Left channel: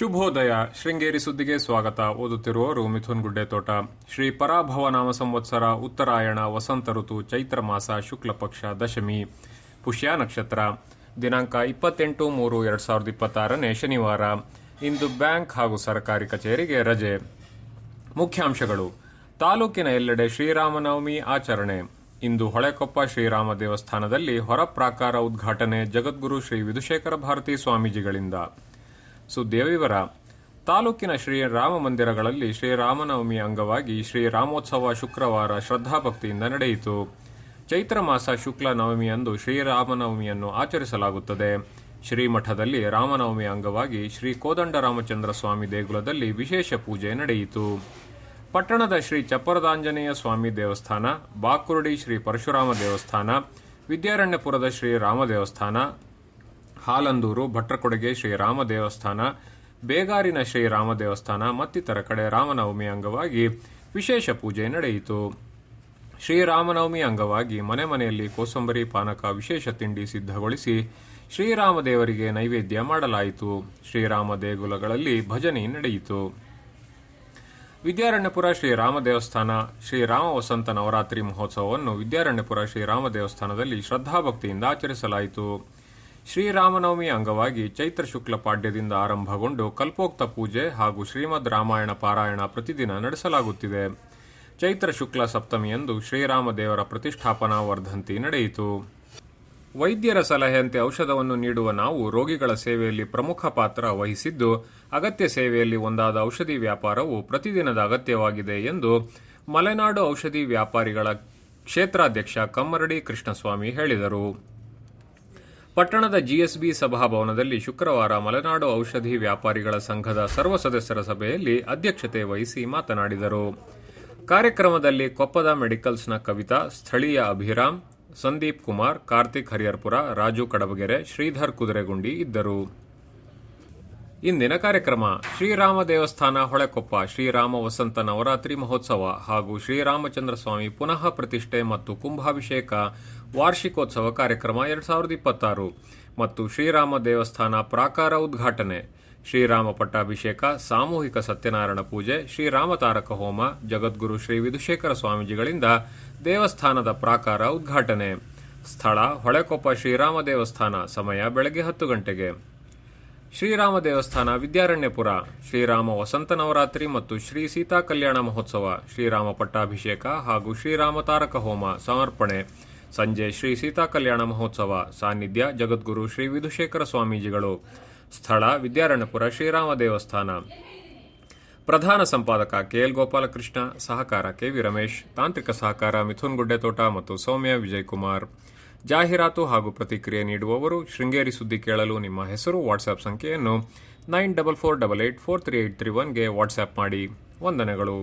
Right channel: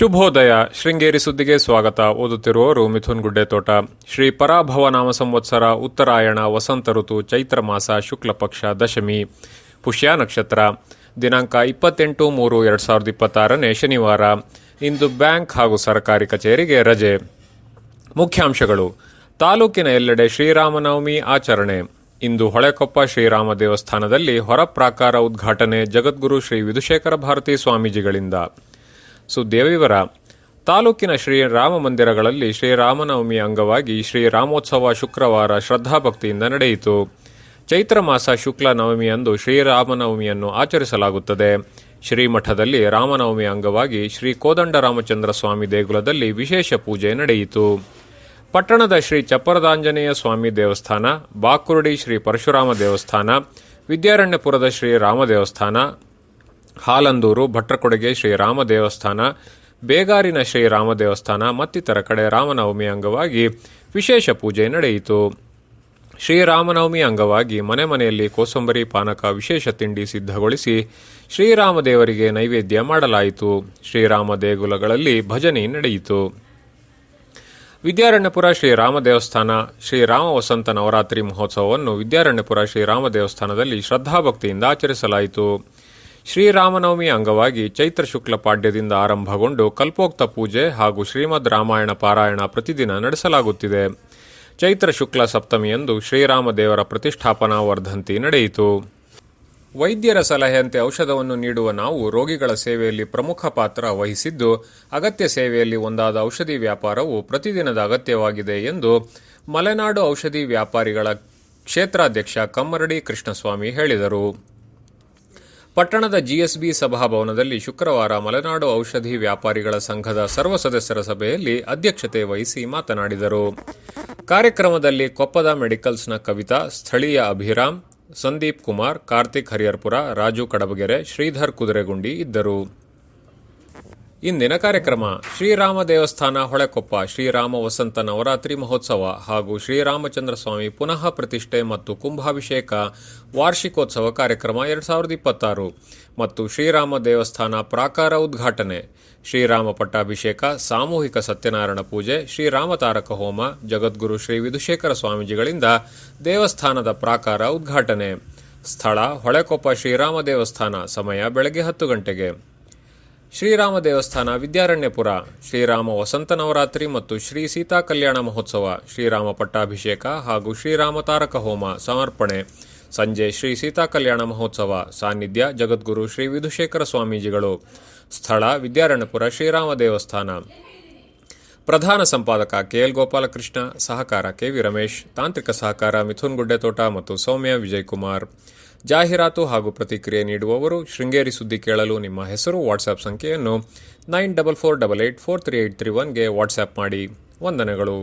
ಶುಭೋದಯ. ಶೃಂಗೇರಿ ಸುದ್ದಿಗೆ ಸ್ವಾಗತ. ಓದುತ್ತಿರುವವರು ಮಿಥುನ್ ಗುಡ್ಡೆತೋಟ. ಶ್ರೀ ಪರಾಭವ ನಾಮ ಸಂವತ್ಸರ, ಉತ್ತರಾಯಣ, ವಸಂತ ಋತು, ಚೈತ್ರ ಮಾಸ, ಶುಕ್ಲ ಪಕ್ಷ, ದಶಮಿ, ಪುಷ್ಯ ನಕ್ಷತ್ರ. ದಿನಾಂಕ 28-3-2026 ಶನಿವಾರ. ಇಂದು ಬ್ಯಾಂಕ್ ಹಾಗೂ ಸರ್ಕಾರಿ ಕಚೇರಿಗೆ ರಜೆ. ಮುಖ್ಯಾಂಶಗಳು. ತಾಲೂಕಿನ ಎಲ್ಲೆಡೆ ಶ್ರೀರಾಮನವಮಿ ಆಚರಣೆ. ಇಂದು ಹೊಳೆಕೊಪ್ಪ ಶ್ರೀರಾಮ ದೇವಸ್ಥಾನದಲ್ಲಿ ಹೊರ ಪ್ರಾಕಾರ ಉದ್ಘಾಟನೆ ಜಗದ್ಗುರು ಶ್ರೀ ವಿಧುಶೇಖರ ಭಾರತಿ ಸ್ವಾಮೀಜಿಗಳಿಂದ. ಸುದ್ದಿಯ ವಿವರ. ತಾಲೂಕಿನ ಶ್ರೀರಾಮ ಮಂದಿರಗಳಲ್ಲಿ ಶ್ರೀರಾಮನವಮಿ ಅಂಗವಾಗಿ ಶ್ರೀರಾಮೋತ್ಸವ ಶುಕ್ರವಾರ ಶ್ರದ್ಧಾಭಕ್ತಿಯಿಂದ ನಡೆಯಿತು. ಚೈತ್ರ ಮಾಸ ಶುಕ್ಲ ನವಮಿಯಂದು ಶ್ರೀರಾಮನವಮಿಯನ್ನು ಆಚರಿಸಲಾಗುತ್ತದೆ. ಶ್ರೀಮಠದಲ್ಲಿ ರಾಮನವಮಿ ಅಂಗವಾಗಿ ಶ್ರೀ ಕೋದಂಡ ರಾಮಚಂದ್ರ ಸ್ವಾಮಿ ದೇಗುಲದಲ್ಲಿ ವಿಶೇಷ ಪೂಜೆ ನಡೆಯಿತು. ಪಟ್ಟಣದ ಶ್ರೀ ಚಪ್ಪರದಾಂಜನೇಯ ಸ್ವಾಮಿ ದೇವಸ್ಥಾನ, ಬಾಕುರ್ಡಿ ಶ್ರೀ ಪರಶುರಾಮ ದೇವಸ್ಥಾನ, ವಿದ್ಯಾರಣ್ಯಪುರದ ಶ್ರೀರಾಮ ದೇವಸ್ಥಾನ, ಹಾಲಂದೂರು ಭಟ್ರಕೊಡುಗೆ ಶ್ರೀರಾಮ ದೇವಸ್ಥಾನ, ಬೇಗಾರಿನ ಶ್ರೀರಾಮ ದೇವಸ್ಥಾನ ಮತ್ತಿತರ ಕಡೆ ರಾಮನವಮಿ ಅಂಗವಾಗಿ ವಿಶೇಷ ಪೂಜೆ ನಡೆಯಿತು. ಶ್ರೀರಾಮನವಮಿ ಅಂಗವಾಗಿ ಮನೆ ಮನೆಯಲ್ಲಿ ಕೋಸಂಬರಿ ಪಾನಕ ವಿಶೇಷ ತಿಂಡಿ ಸಿದ್ಧಗೊಳಿಸಿ ಶ್ರೀರಾಮ ದೇವರಿಗೆ ನೈವೇದ್ಯ ಮಾಡಲಾಯಿತು. ಶ್ರೀರಾಮ ದೇಗುಲಗಳಲ್ಲಿ ಭಜನೆ ನಡೆಯಿತು. ವಿದ್ಯಾರಣ್ಯಪುರ ಶ್ರೀರಾಮ ದೇವಸ್ಥಾನ ಶ್ರೀರಾಮ ವಸಂತ ನವರಾತ್ರಿ ಮಹೋತ್ಸವವನ್ನು ವಿದ್ಯಾರಣ್ಯಪುರ ಶ್ರೀರಾಮ ದೇವಸ್ಥಾನದಲ್ಲಿ ಶ್ರದ್ಧಾಭಕ್ತಿಯಿಂದ ಆಚರಿಸಲಾಯಿತು. ಶ್ರೀರಾಮನವಮಿ ಅಂಗವಾಗಿ ಚೈತ್ರ ಶುಕ್ಲ ಪಾಡ್ಯದಿಂದ ಆರಂಭಗೊಂಡು ಕಲ್ಪೋಕ್ತ ಪೂಜೆ ಹಾಗೂ ಶ್ರೀಮದ್ ರಾಮಾಯಣ ಪಾರಾಯಣ ಪ್ರತಿದಿನ ನಡೆಸಲಾಗುತ್ತಿದೆ. ಚೈತ್ರ ಶುಕ್ಲ ಸಪ್ತಮಿಯಂದು ಶ್ರೀರಾಮ ದೇವರ ಪ್ರತಿಷ್ಠಾಪನಾ ವರ್ಧಂತಿ ನಡೆಯಿತು. ವೈದ್ಯರ ಸಲಹೆಯಂತೆ ಔಷಧವನ್ನು ನೀಡುವ ನಾವು ರೋಗಿಗಳ ಸೇವೆಯಲ್ಲಿ ಪ್ರಮುಖ ಪಾತ್ರ ವಹಿಸಿದ್ದು, ಅಗತ್ಯ ಸೇವೆಯಲ್ಲಿ ಒಂದಾದ ಔಷಧಿ ವ್ಯಾಪಾರವು ಪ್ರತಿದಿನದ ಅಗತ್ಯವಾಗಿದೆ ಎಂದು ಮಲೆನಾಡು ಔಷಧಿ ವ್ಯಾಪಾರಿಗಳ ಕ್ಷೇತ್ರಾಧ್ಯಕ್ಷ ಕಮ್ಮರಡಿ ಕೃಷ್ಣಸ್ವಾಮಿ ಹೇಳಿದರು. ಪಟ್ಟಣದ ಜಿಎಸ್ಬಿ ಸಭಾಭವನದಲ್ಲಿ ಶುಕ್ರವಾರ ಮಲೆನಾಡು ಔಷಧಿ ವ್ಯಾಪಾರಿಗಳ ಸಂಘದ ಸರ್ವ ಸದಸ್ಯರ ಸಭೆಯಲ್ಲಿ ಅಧ್ಯಕ್ಷತೆ ವಹಿಸಿ ಮಾತನಾಡಿದರು. ಕಾರ್ಯಕ್ರಮದಲ್ಲಿ ಕೊಪ್ಪದ ಮೆಡಿಕಲ್ಸ್ನ ಕವಿತಾ, ಸ್ಥಳೀಯ ಅಭಿರಾಮ್, ಸಂದೀಪ್ ಕುಮಾರ್, ಕಾರ್ತಿಕ್ ಹರಿಹರ್ಪುರ, ರಾಜು ಕಡಬಗೆರೆ, ಶ್ರೀಧರ್ ಕುದುರೆಗುಂಡಿ ಇದ್ದರು. ಇಂದಿನ ಕಾರ್ಯಕ್ರಮ. ಶ್ರೀರಾಮ ದೇವಸ್ಥಾನ ಹೊಳೆಕೊಪ್ಪ ಶ್ರೀರಾಮ ವಸಂತ ನವರಾತ್ರಿ ಮಹೋತ್ಸವ ಹಾಗೂ ಶ್ರೀರಾಮಚಂದ್ರ ಸ್ವಾಮಿ ಪುನಃ ಪ್ರತಿಷ್ಠೆ ಮತ್ತು ಕುಂಭಾಭಿಷೇಕ ವಾರ್ಷಿಕೋತ್ಸವ ಕಾರ್ಯಕ್ರಮ 2026 ಮತ್ತು ಶ್ರೀರಾಮ ದೇವಸ್ಥಾನ ಪ್ರಾಕಾರ ಉದ್ಘಾಟನೆ, ಶ್ರೀರಾಮ ಪಟ್ಟಾಭಿಷೇಕ, ಸಾಮೂಹಿಕ ಸತ್ಯನಾರಾಯಣ ಪೂಜೆ, ಶ್ರೀರಾಮ ತಾರಕ ಹೋಮ, ಜಗದ್ಗುರು ಶ್ರೀ ವಿಧುಶೇಖರ ಸ್ವಾಮೀಜಿಗಳಿಂದ ದೇವಸ್ಥಾನದ ಪ್ರಾಕಾರ ಉದ್ಘಾಟನೆ. ಸ್ಥಳ ಹೊಳೆಕೊಪ್ಪ ಶ್ರೀರಾಮ ದೇವಸ್ಥಾನ. ಸಮಯ ಬೆಳಗ್ಗೆ 10 ಗಂಟೆಗೆ. ಶ್ರೀರಾಮ ದೇವಸ್ಥಾನ ವಿದ್ಯಾರಣ್ಯಪುರ. ಶ್ರೀರಾಮ ವಸಂತ ನವರಾತ್ರಿ ಮತ್ತು ಶ್ರೀ ಸೀತಾ ಕಲ್ಯಾಣ ಮಹೋತ್ಸವ, ಶ್ರೀರಾಮ ಪಟ್ಟಾಭಿಷೇಕ ಹಾಗೂ ಶ್ರೀರಾಮ ತಾರಕ ಹೋಮ ಸಮರ್ಪಣೆ. ಸಂಜೆ ಶ್ರೀ ಸೀತಾ ಕಲ್ಯಾಣ ಮಹೋತ್ಸವ. ಸಾನ್ನಿಧ್ಯ ಜಗದ್ಗುರು ಶ್ರೀ ವಿಧುಶೇಖರ ಸ್ವಾಮೀಜಿಗಳು. ಸ್ಥಳ ವಿದ್ಯಾರಣ್ಯಪುರ ಶ್ರೀರಾಮ ದೇವಸ್ಥಾನ. ಪ್ರಧಾನ ಸಂಪಾದಕ ಕೆಎಲ್ ಗೋಪಾಲಕೃಷ್ಣ, ಸಹಕಾರ ಕೆವಿ ರಮೇಶ್, ತಾಂತ್ರಿಕ ಸಹಕಾರ ಮಿಥುನ್ ಗುಡ್ಡೆತೋಟ ಮತ್ತು ಸೌಮ್ಯ ವಿಜಯಕುಮಾರ್. ಜಾಹೀರಾತು ಹಾಗೂ ಪ್ರತಿಕ್ರಿಯೆ ನೀಡುವವರು. ಶೃಂಗೇರಿ ಸುದ್ದಿ ಕೇಳಲು ನಿಮ್ಮ ಹೆಸರು, ವಾಟ್ಸ್ಆಪ್ ಸಂಖ್ಯೆಯನ್ನು 9448843831ಗೆ ವಾಟ್ಸ್ಆಪ್ ಮಾಡಿ. ವಂದನೆಗಳು.